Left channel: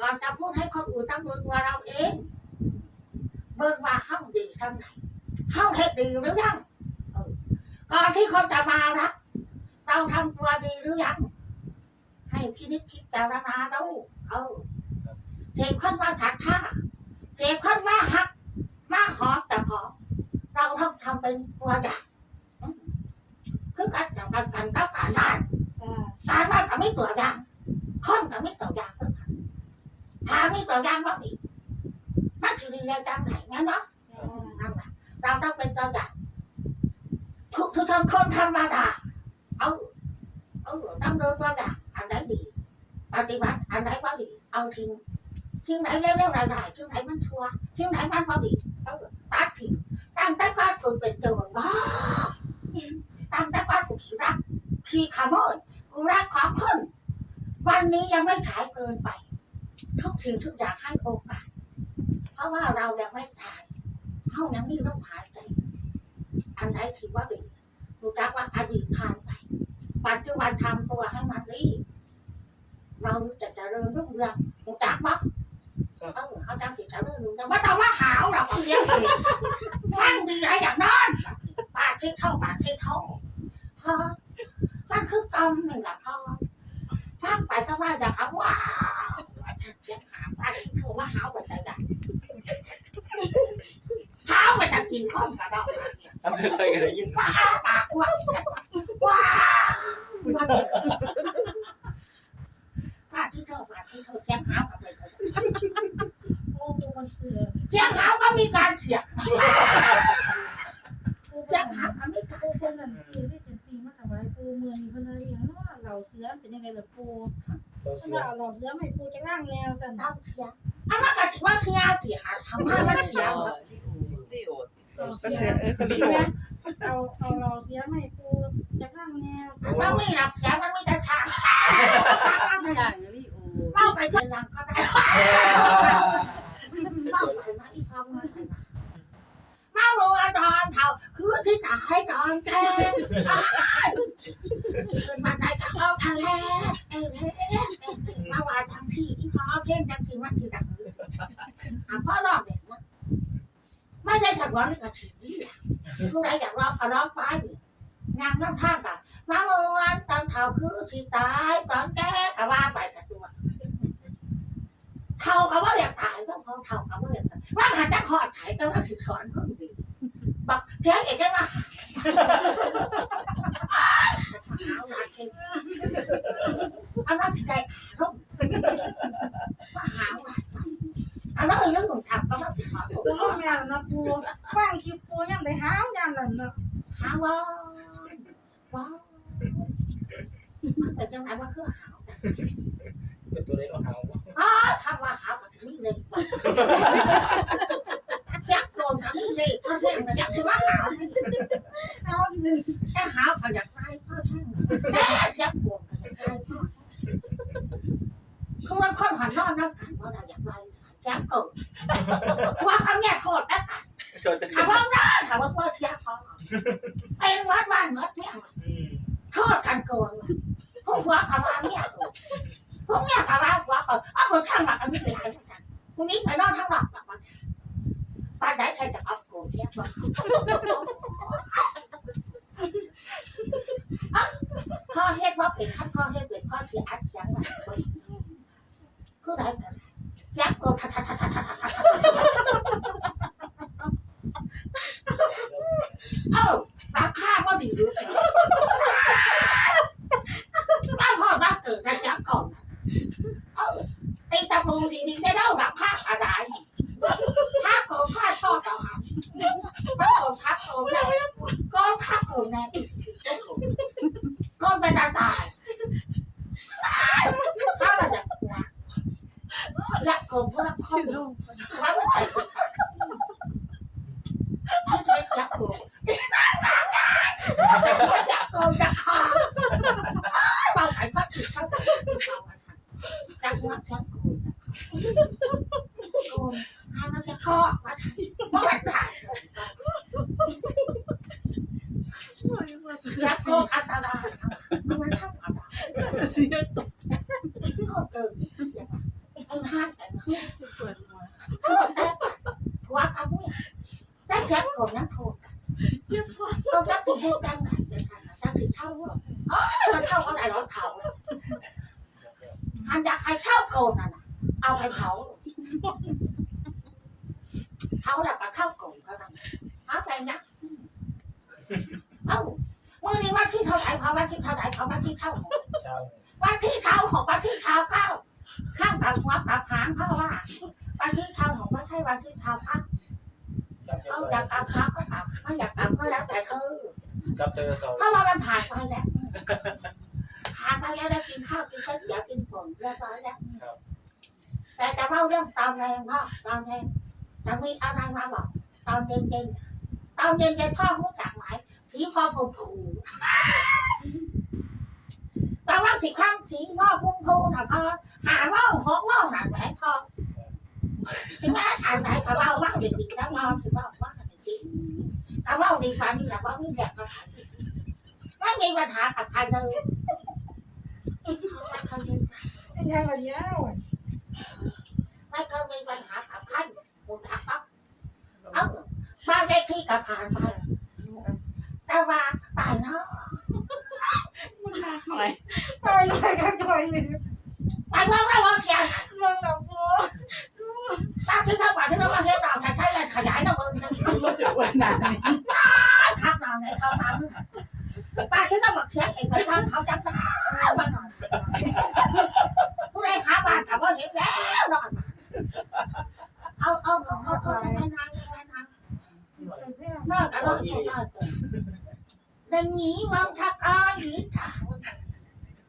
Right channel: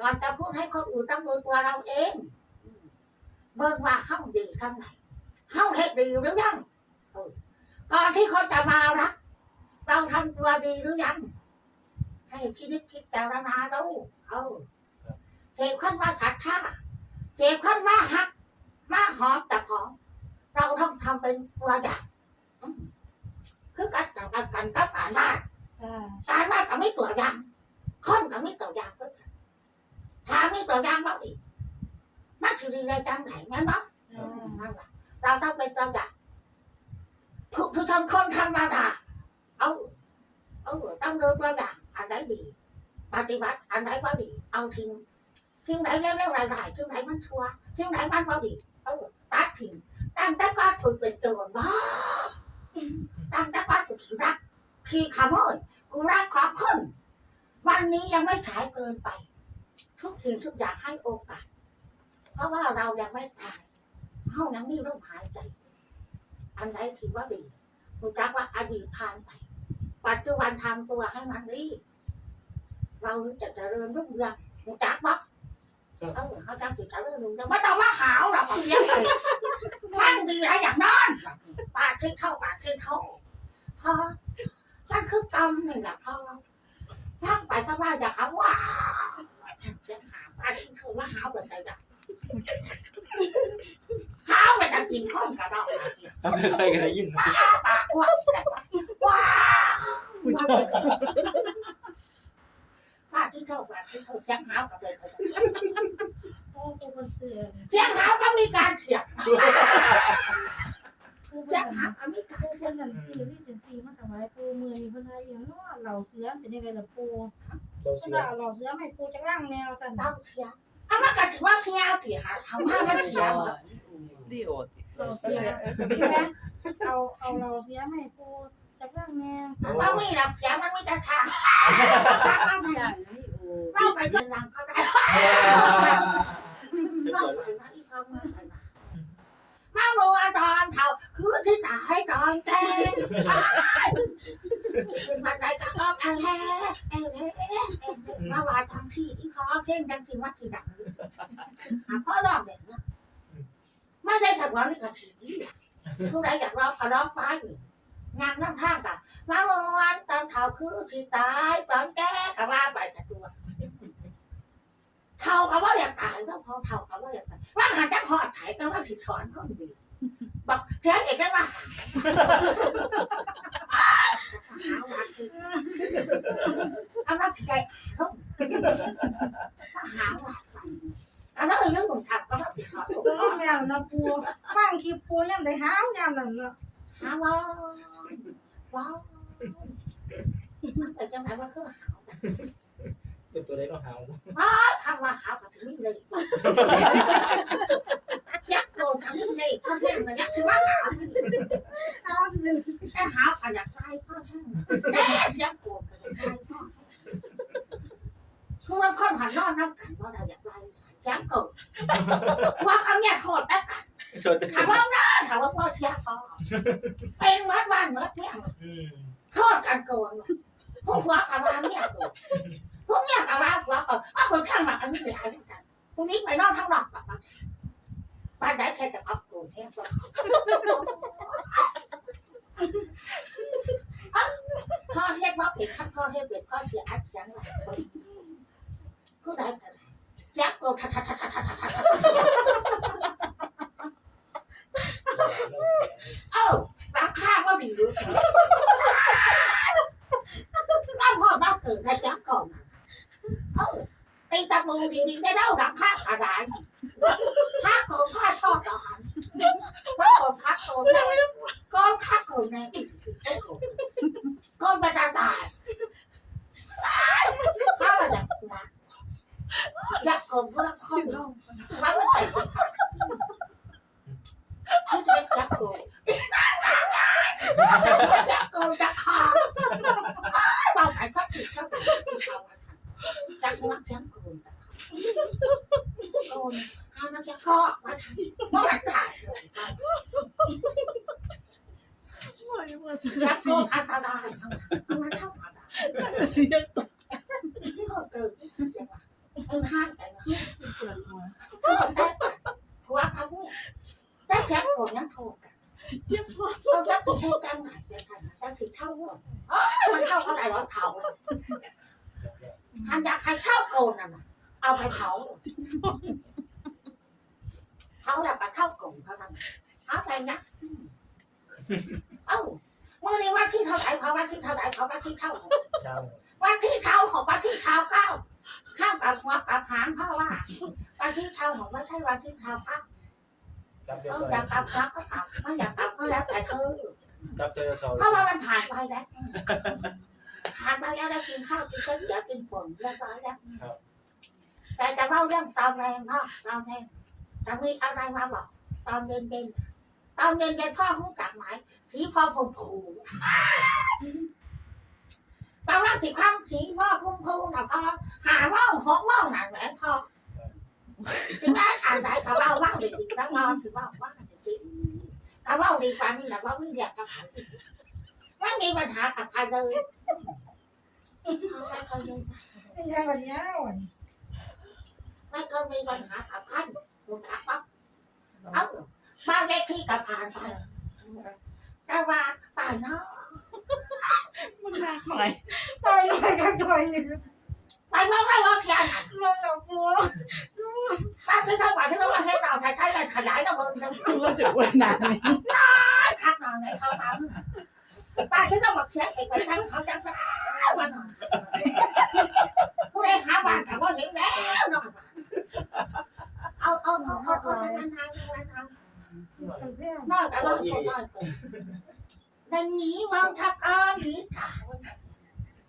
ก่อนจะพูดให้คนอื่นต้องดูตัวเราเอง เบิ่งว่าเฮาดีทำไหนเฮาเฮ็ดดีหรือยังเออก่อนที่คนจะมารักเราทำตัวดีหรือยัง ให้พินิจพิจารณาดูเออเจ็บขั้นว่าฉัดท่าเจ็บขั้นว่าหักมาหอมแต่หอมเราต้องทำเป็นตัวอย่างอืมคือการกันกันกันกับการบ้านจ้าการบ้านก็ไม่ตัวอย่างคนก็ไม่ตัวอย่างคือกันถ้าไม่ตัวอ ย่างว่าดีมันถือดีได้จังไหนงั้นเนาะจ้านั่นแหละเราต้องเป็นตัวอย่างทุกทุกคนคนธรรมดาเอาเอาต้องดูตัวอย่างอันไหนดีปฏิบัติอันไหนว่าดีเอาทิ้งทิ้งไหนเร็วๆไรๆทิ้งไหนมันชั่วทิ้งไหนมันว่าดีเอาตัดทิ้งตั้งแต่ก่อนกูเป็นโจรบ้าตั้งแต่ก่อนกูขี้รักขี้ขโมยกูรักของคนวันนี้ยังไม่ฉายเกินไป ทุกสิ่งทุกอย่างให้โอกาส เพราะว่าเรายังไม่ตายเฮายังมีลมหายใจ อันใดคิดว่าดีรู้จักว่าอดีตผ่านไป ปัจจุบันทำตัวให้มันดีเราจะเจริญรุ่งเรืองรู้จักปะเออเขาจำสิเจริญรุ่งเรืองไม่ต้องมาหาวหรอกเสียงสิฟังดีไรอย่างนั้นปากที่เข้าปากที่เข้าพอมันคือกรรมนี่แหละพ่อฟังไปก็ว่าอย่างครับว้าวเสียงหาวปากที่เข้าว่าหาวแบบไหนกันหาวไปจะกินข้อนกระดอกไม่เคยได้ยินว้าปากกว้างว้าวป้าที่เท่าป้าที่เท่าเสียงหาวกับเลยโอ้ปูคนเสือเสียงหาวก็มีการเสียงปูคเสียงนหาวก็มีการปูคนนั่นสีที่เจนซีมาถวายปูเมืองมีคนอะไรอย่างเนาะเหล่าเสือเป็นยังไงล่ะปู เราสำเสีหยรับเหล่าเสือไม่ปูจะล่างแนวสั่นต้องเสียงอันนั้นก็ถือว่าเสียงตีหาทำให้มันเสียงเหรอดิโอติเหล่าเสือใช่ไหมเอาเอาเหล่าเสือไม่ปูจะล่างแนวมันไม่หลับเสียงมันไม่จะทางทางมันอเนี่ยย่างนี้โอ้เล่าไปเดินหลังก็ได้เล่าไปมาอีกคำเงินไปมามาโมอาตอนเท่าคือที่ตายตอนแก่ขึ้นมาไหนก็ออกทางแรกเอ้ ว่าทางที่ที่ขอเพ่งจังที่วัดที่ดังอะพ่อรอบเด็กนไม่ได้ฉันว่านี่ก็ถือดีอะผู้ใดอยากรอบก็ร้อบไปงานน้ำท่ากันมาโมอันตอนเท่าคือที่ตายตอนแก่ก็ว่าไปจากตัวเท่ากับว่าอยากตายก็พอเท่ากับว่าอยากตายว่าหาจะขอดไถก็ว่าสิสอนคนดีบักเจ๊เอกก็ว่าหาหาว่าสิเอาว่าสิใจอารมณ์ว่า หาว่าเอาแล้วเรื่องของทำก็ว่าสิขอถูกตัวขอแมวนะปูฟังคลิปปูยังได้ห้าวยามนั่นเนาะหาว่าว้าวมันเป็นยังไงว่าคือหาวเป็นตัวเล็กเราหาวอ๋อคำว่าหาวกับถึงนี่เลยแจ็คโกนกับนี่เลยพ่อแห้งเลยอยากชื่อว่าหาวนี่เอาจะเป็นแต่หาวก็อยากไล่พ่อแห้งแต่แจ็คโกนก็อยากไล่พ่อแห้ง คือมันคนหันนอนน้ำกันว่าเราอยากไล่แจ็คโกนว่าเขาเนี่ยโคตรแล้วกันชนจะถามว่าน้าถามว่าพ่อเชียร์พ่อเป็นวัดบ้านเมื่อเนี่ยอืมโทษกันโกนพวกผัวขาว่าเนี่ยโกนพวกเนี่ยขาว่าผัวก่อนอ้าวคนช่างหลักอันนี้เป็นอะไรกันพวกนี้ไปนอนทั้งหลักแบบว่าบ้านไหนใครจะเอาโกนเนี่ยบอกพ่อเฮ็ดว่าเป็นขั้นพ่อเฮ็ดเป็นพ่อเสียอัดยังไง คือไรกันยักโกนทัดทัดทัดทัดทัดทัดเอ้าราคาก็ดีรู้บ้านพ่อบ้านเกิดกันยักก่อนเอ้าไอ้ตะปูดีๆได้เล่าดับค่าอะไรถ้าโกนค่าชอบต่อหันถ้าโกนคัดโกนแน่ก้อนคัดโกนแน่ก้อนเป็นตายตายถ้าเราอยากหัว อยากโกน Oh, ข้ามกับหัวกับหางเพราะว่าวันที่เท่าของไม่ใช่วันที่เท่าเก้าจับเจอเอาอยากกลับพักก็กลับไม่อยากกลับก็แล้วแต่เธอจับเจอเสาเพราะว่ามันผ่านไปแล้วผ่านไปแล้วได้กินข้าวกินก๋วยเตี๋ยวกินผลเรียบร้อยแล้วแต่จะเล่าเรื่องตอนแรงพ่อตอนแรงจะมีอะไรมาบอก ตอนเย็นเย็นๆตอนเย็นเย็นๆพ่อรู้จักไหมสีพ่อผมผู ตอนแรกสีข้างสีพ่อพุ่มพูน่ะพอหาว่าหกว่าหนังแหวนพอถึงแม้อ่านไหนก็เล่าว่าเด็กๆแล้วนอนถึงว่าว่าเด็กๆก็เล่าดีกว่านี่แหละว่าไม่อยากจะขายไม่มีปัญหากับใครเลยไม่เคยมีไม่ใช่วันนี้ไม่เคยมีปัญหากับใครคุณอาปั๊บเอาบ้านเลขที่กับผ่านไปแต่ว่าตายเนาะ นหนักหน่อยไปหน่อยกันหน่อยนึงไปเมื่อไรว่าเทียนลงแล้วปูบ้านที่เท่าไหร่ที่เรามาเทียนเราใช้ใช้เลยขยายเราเบิ่งหนึ่งเราจะอ้วนนานนี่ทักเราในเขาฟังป้าที่เราบอกเชียเอกไปทำเขาจังได้มาหน่อยผู้ใดหาบ้านกับว่าเห็นแล้วเนาะเอาเอาเอาเอาเอานานๆนานๆน้อยก็น้อยก็น้อยก็ดังนี้มองทักอ้อนหรือถาม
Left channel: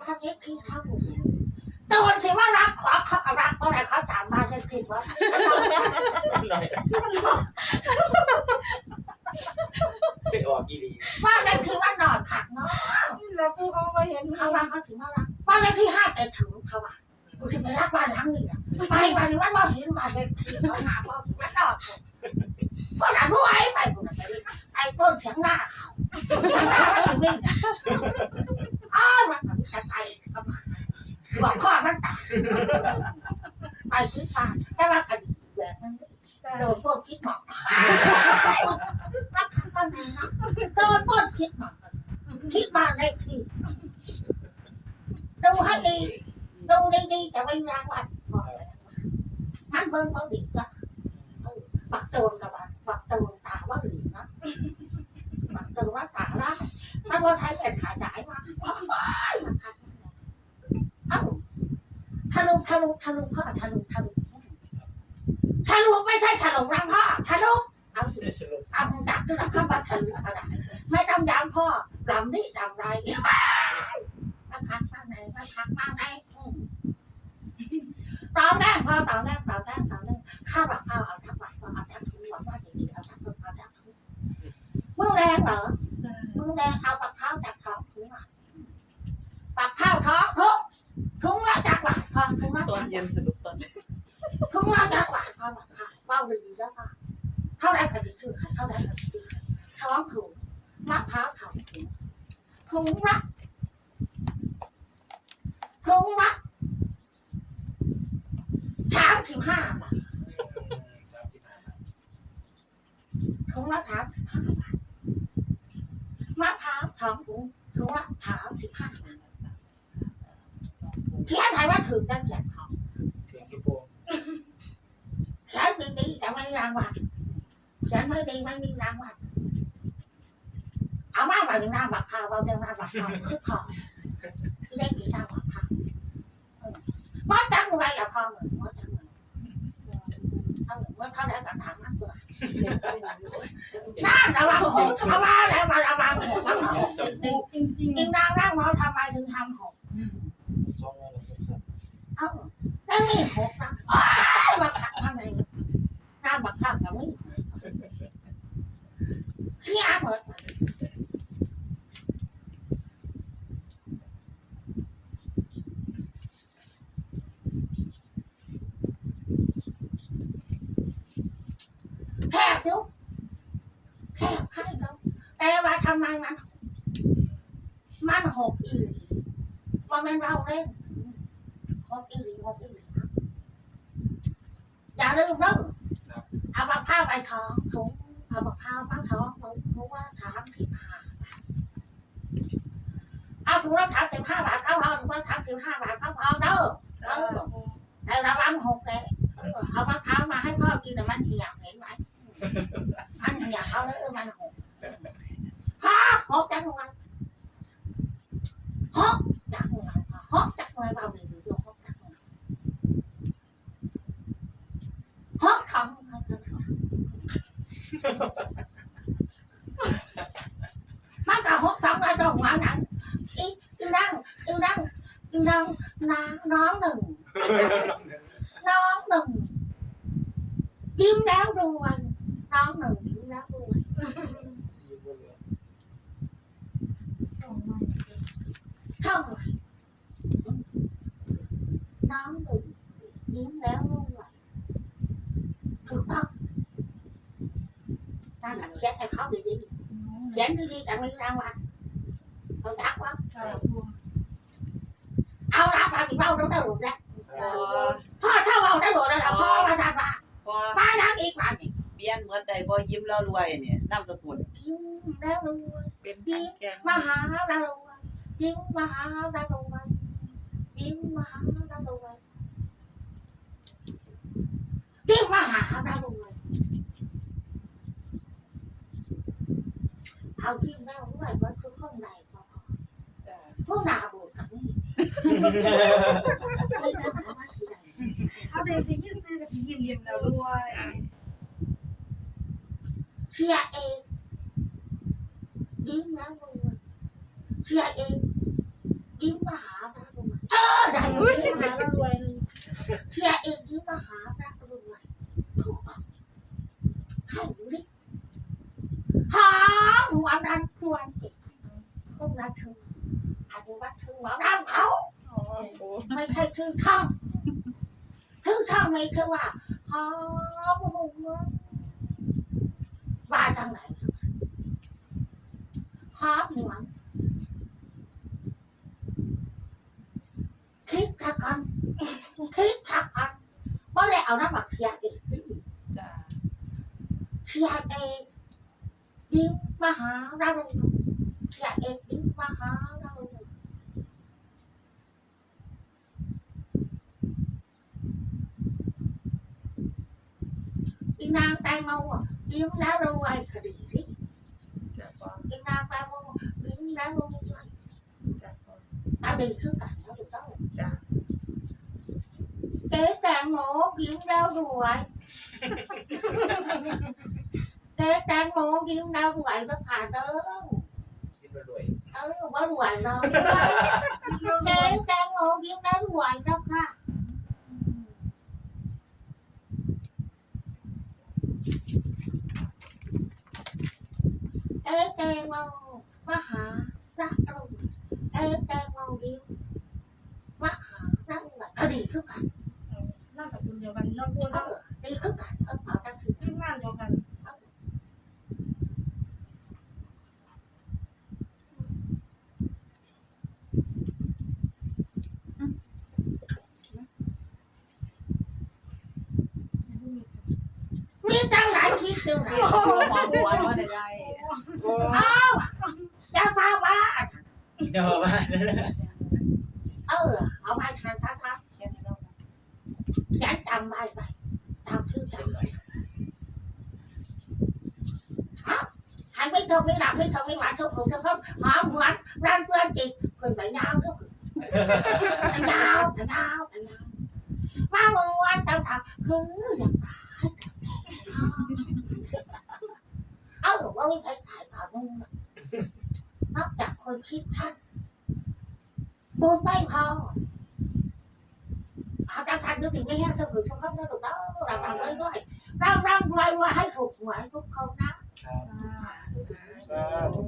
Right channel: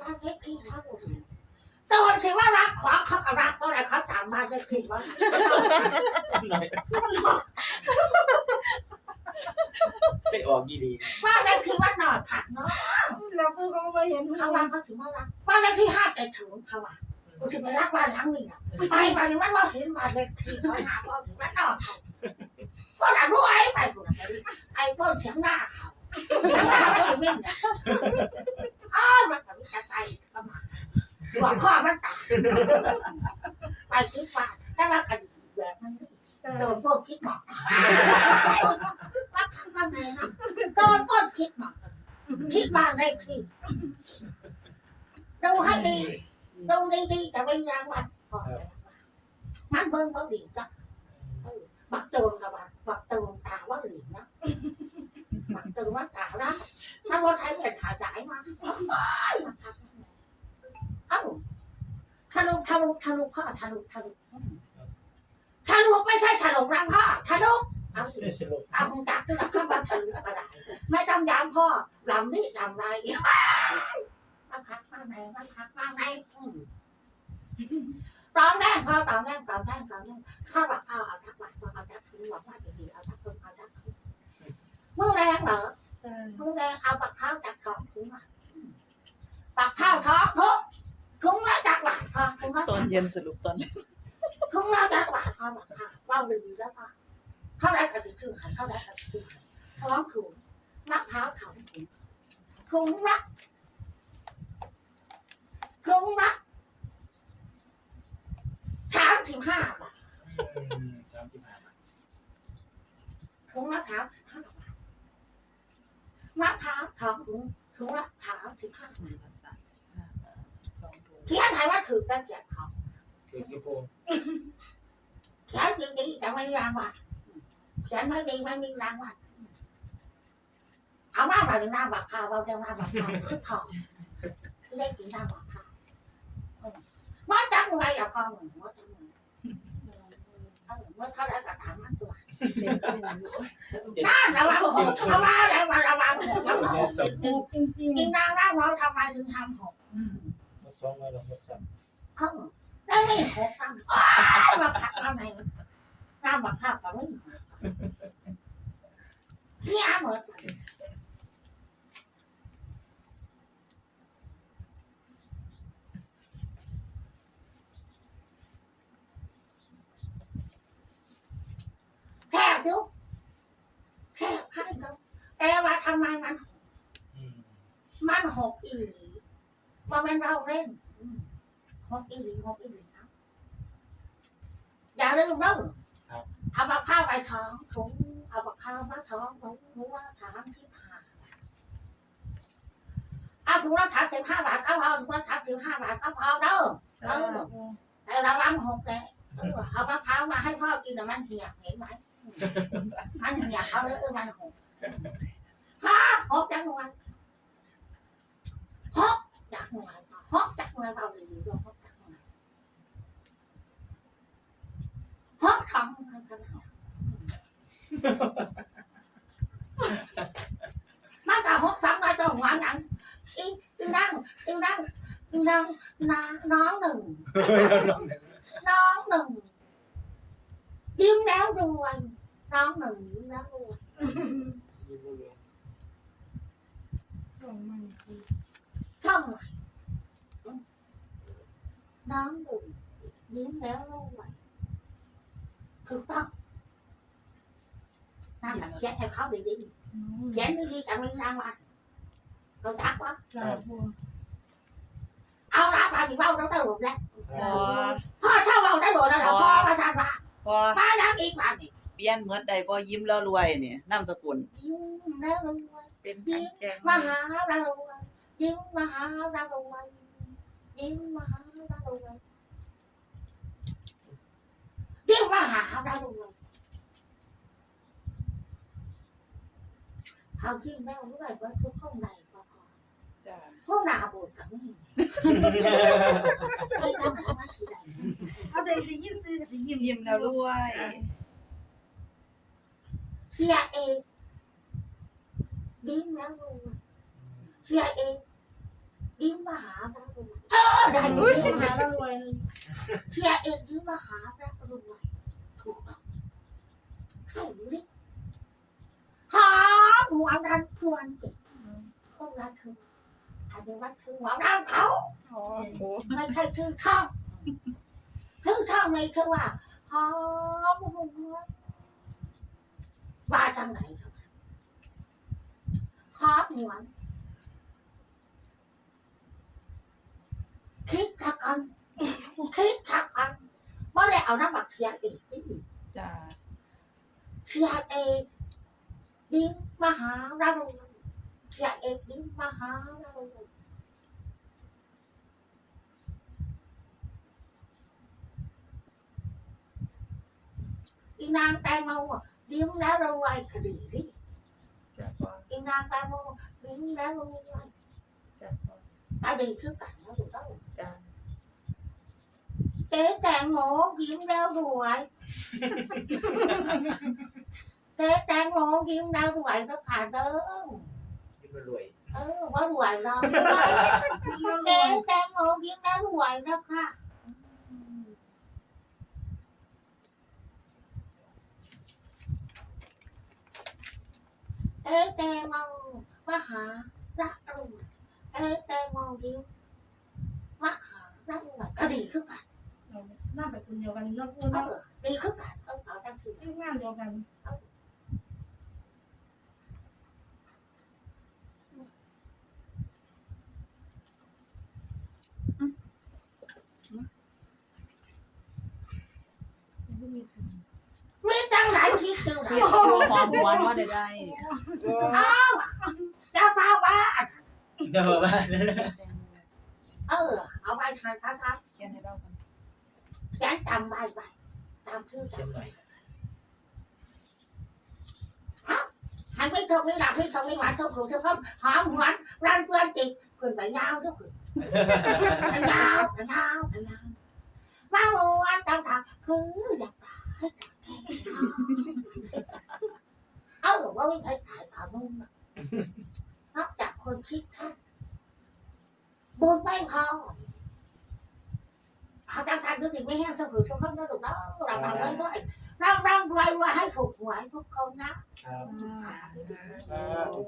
ว่าเล็กที่เท่าตัวสิว่ารักขวาเขาก็รักเพราะอะไรเขาตามมาได้คือว่าหน่อยไปออกยี่ดีว่าได้คือว่าหน่อยขักเนาะเราปูเขาไปเห็นเขาว่าเขาถึงว่ารักว่าเลขที่ห้าแต่ถึงเขาว่ากูจะไปรักบ้านหลังนี้อะไปวันนี้ว่าเราเห็นมาเลขที่เขาหาว่าถึงว่าหน่อยเขาพวกนั้นรู้ไอ้ไปกูนะไปไอ้ต้นเสียงหน้าเขาเสียงหน้าว่าถึงวิ่ง จะไปก็มาหัวข้อมันตายไปคิดว่าแต่ว่าคดีแบบนั้นโดนปล้นคิดหมอกมาทำอะไรนะโดนปล้นคิดหมอกคิดมาเลขที่ดูให้ดีดูดีๆจะไม่รางวัลมันเบิ่งเขาดีจ้ะบักโจนกับบักโจนตาว่าหลีนะบักโจนว่าตาได้มันว่าใช้เหรียญขายายมามันคัดเอ้า ทะลุทะลุทะลุพ่อทะลุทะลุทะลุไม่ใช่ทะลุรังพ่อทะลุเอาสิสรุปเอาคงจักขึ้นหลังข้ามาทะลุก็ได้ไม่ต้องย้ำพ่อลำนี่ลำไรมาคักมาไหนมาคักมาไหนอืมตอมแรกพ่อตอมแรกตอมแรกตอมแรกข้าวแบบข้าวเอาทักบาทพ่อเอาทักทุกหวังว่าดีๆเอาทักทุกเอาทักทุกมือแรงเหรอมือแรงเอา เย็นสรุปตอนทุกร้านได้หวานพอบอกค่ะว่าดีแล้วค่ะเท่าไรก็จะซื้อขายเท่าไรก็จะซื้อขายท้องถุงมะพร้าวเถาถุงถุงละถุงละสามสิบห้าบาทถุงละสามสิบห้าบาทมะพร้าวทองถุงถุงละสามสิบห้าบาทเขียนให้ว่าถือได้เขียนเขา อกี่โปงเขียนดีๆแต่ไม่รางวัลเขียนไม่ดีไม่มีรางวัลเอามาแบบนี้น้ำบักข้าวเอาเรื่องน้ำบักข้าวคือทองที่ได้กินน้ำบักข้าวว่าจังไงล่ะพ่อเหมือนว่าจังไงเอาเหมือนว่าเขาได้กระถางมันเปลือกน่าระวังหกเอามาแล้วมาระวังหกระวังหกสองจริงจริงจริงนางนั่งเราทำไมถึงทำหกสองร้อยสองสา มเอ้าไม่หกน้ำอ้าวมาขัดมาไหนน้าบักข้าวจะไม่หกที่อาเหมือน แทบยุบแทบใครเขาแต่ว่าทำไมมัน มันหก อีหลีหกอีหลีนะอย่าลืมเด้อเอาบักข้าวไปท้องถุงเอาบักข้าวมาท้องถุงถุงละสามสิบห้าบาทเอาถุงละสามสิบห้าบาทก็พอถุงละสามสิบห้าบาทก็พอเด้อจ้าปูแต่ราล้ำหกเลยเอามะพร้าวมาให้พ่อกินแต่มันเหี่ยวเห็นไหมมันเหี่ยวเขาเลยเออมันหกฮะหกจังหวะหกจังหวะหกจังหวะเราดีๆดูหกจังหวะหกทำให้ขนาดนั้น มันก็หกทำมาตรงหัวหนังอีอีนั่งอีนั่งอีนั่งนาน้องหนึ่ง น้องหนึ่งยิ้มแล้วรวยน้องหนึ่งยิ้มแล้วรวยยิ้มบ่เหลือส่งมาปูเท่าไหร่น้องหนึ่งยิ้มแล้วรวยถูกต้อง นั่นแหละเขียนให้เขาดีๆเขียนดีๆจะมีรางวัลเขาจักว่าจ้าปูเอาละมาพี่เบ้าเราได้หมดแล้วคพอรับพ่อเช่าเราได้หมดแล้วพ่อมาทานมาพอมานักอีกวันนี่เปลี่ยนเหมือนใดบ่ยิ้มแล้วรวยเนี่ยนามสกุลยิ้มแล้วรวยเป็นอันแกงมหาดารวยยิ้มมหาดารวยยิ้มมหาดารวยยิ้มมหาดารวย เอายิ้มแล้วรวยเบิดคือข้างในพอจ้าๆพวกนาบุญกับนี่ไอ้ทำหามาที่ไหนเอาแต่จะยินซื้อกับยิ้มยิ้มแล้วรวยเชียร์เองยิ้มแล้วรวยเชียร์เองยิ้มมหาดารวยเออได้อุ้ยเลยหาแล้วรวยเลยเชียร์เองยิ้มมหาดารวยถูกต้องใครรู้ดิหา หัวดันพวนเก็บคนละถึงอันนี้ว่าถึงหัวดันเขาอ๋อปูไม่ใช่ชื่อช่องชื่อช่องไม่ใช่ว่าหอมหัวว่าจังไหนหอมหัวคิดทักกันคิดทักกันไม่ได้เอาน้ำบักเสียอีกจ้าเสียเองดิ้งมหาดารุณเสียเองดิ้งมหาดารุณอีนางแตงโมอะดิ้ง แล้วรวยคดีดิจ้าพออีนางแตงโมดิ้งแล้วรวยจ้าพอตา เจ๊แตงโมยิ้มแล้วรวยเจ๊แตงโมยิ้มแล้วรวยก็ขาดเด้อยิ้มบ่รวยเออว่ารวยเราเจ๊แตงโมยิ้มแล้วรวยแล้วค่ะเจ๊แตงโมมหารักรวยเจ๊แตงโมยิ้มมหารักรวยก็ดีคือกันน้าแบบคุณเดียวกันน้องปูเออดีคือกันเออเอาตั้งชื่อทีมงานเดียวกัน มีจังไหนคิดดูคินะดว่าหมอหวนว่าได้ได้อ้าวจะฟ้าว่าเดี๋ยวมาเออ เอาไปทานครับครับเขียนให้เราเขียนจำไว้ไปจำชื่อเช่นจำหน่อยให้ไม่ถูกไม่หลับไม่ถูกไม่หวานถูกถูกทุกคนหอมหวานร้านเพื่อนจิตขึ้นไปยาวทุกคนไปยาวไปยาวไปยาวมาโมวัน ตามทางคืออยากตายเออว่าไม่ใช่ถ่ายข่าวนุ่งนอกจากคนคิดท่านบุญไม่พอเอาจังทันดูดิไม่แห้งสมุนสมคำนะลูกเนาะรำรำไว้ด้วยรำรำรวยรวยให้ถูกหวยทุกคนนะครับอ่าสาธุ